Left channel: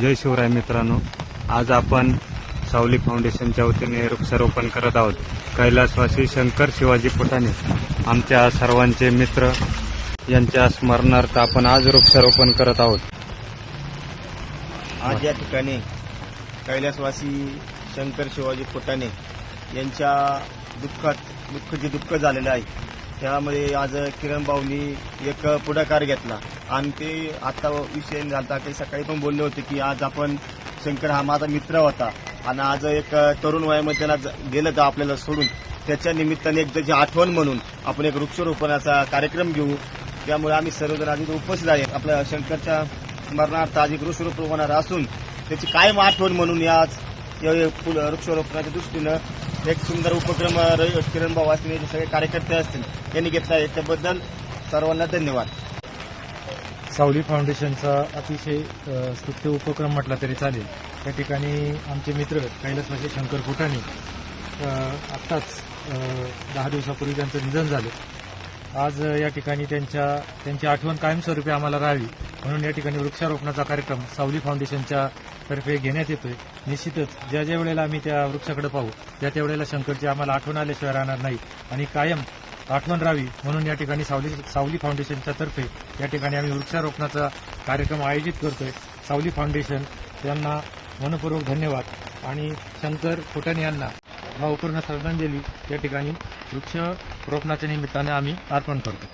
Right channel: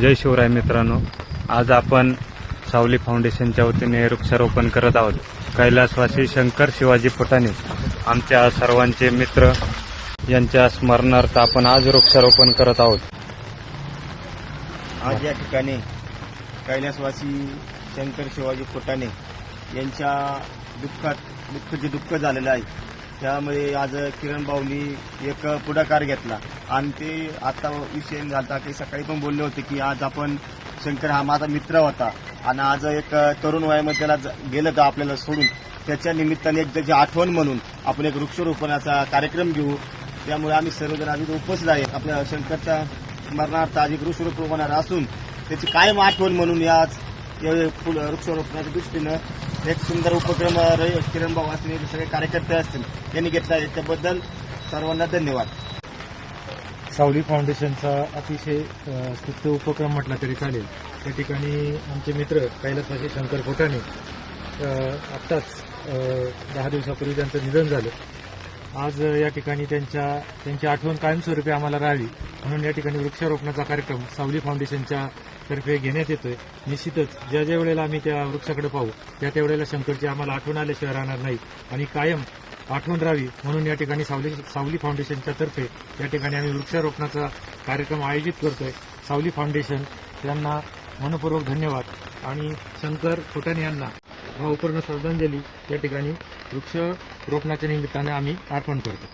जय शिवराय मित्रांनो, आज आपण सावली फाउंडेशनच्या वतीने वृक्षारोपण करत आहोत। कैलासवासी शंकर शिवाजी फुटाणे आमच्या सर्वांचे मित्र यांच्या स्मरणार्थ आपण आज वृक्षारोपण करत आहोत। आज या ठिकाणी कैलासवासी शंकर शिवाजी फुटाणे यांच्या दुःख झालेलं आहे। त्यामुळे आज किरण बावली एक पुढाकार घेतला आणि ते आता विषय झाला की सकाळी पण बोलले होते की आज आपण शंकर हा माझा मित्र होता आणि आज एक तरुण वयामध्ये त्याला गेलं तर आपल्याला सोडून त्याच्या निमित्ताने एक त्याची आठवण म्हणून आपण एक वृक्षारोपणाचा कार्यक्रम घेऊ। त्यामुळे आम्ही सर्वजण आज इथे उपस्थित आहे। आपल्या शंकरच्या स्मरणार्थ आज एक वृक्षारोपण होणार असून त्याची कायम आठवण म्हणून या वृक्षारोपणाच्या दृष्टीनं एक सुंदर उपक्रम किरण भाऊ असतील सगळे कार्यकर्ते असतील यांनी घेतला आहे। त्याबद्दल सर्वांना धन्यवाद। सावली फाउंडेशनचा अतिशय स्तुत्य उपक्रम म्हटला तरी चालेल। त्या ठिकाणी आमचे मित्र कैलासवासी शंकर फुटाणे आत्ताच 10 दिवसापूर्वी त्यांचं निधन झालं। आज या ठिकाणी त्यांची आठवण कायमस्वरूपी आम्हाला राहावी म्हणून या ठिकाणी वृक्षारोपणाचा कार्यक्रम सावली फाउंडेशनच्या तर्फे घेण्यात येतोय। निश्चितच ज्या वेळेला आम्ही त्या वृक्षाकडे पाहू त्या वेळेला शंकरची आम्हाला आठवण आल्याशिवाय राहणार नाही आणि कायम आठवण राहावी म्हणून या ठिकाणी सावली फाउंडेशनच्या तर्फे या ठिकाणी आम्ही वृक्षारोपणाचा कार्यक्रम आयोजित करतोय। सावली फाउंडेशन यांना मनपूर्वक धन्यवाद आणि शंकर फुटाणे यांना भावपूर्ण श्रद्धांजली या ठिकाणी वृक्षारोपणाच्या निमित्ताने आम्ही अर्पण करतो।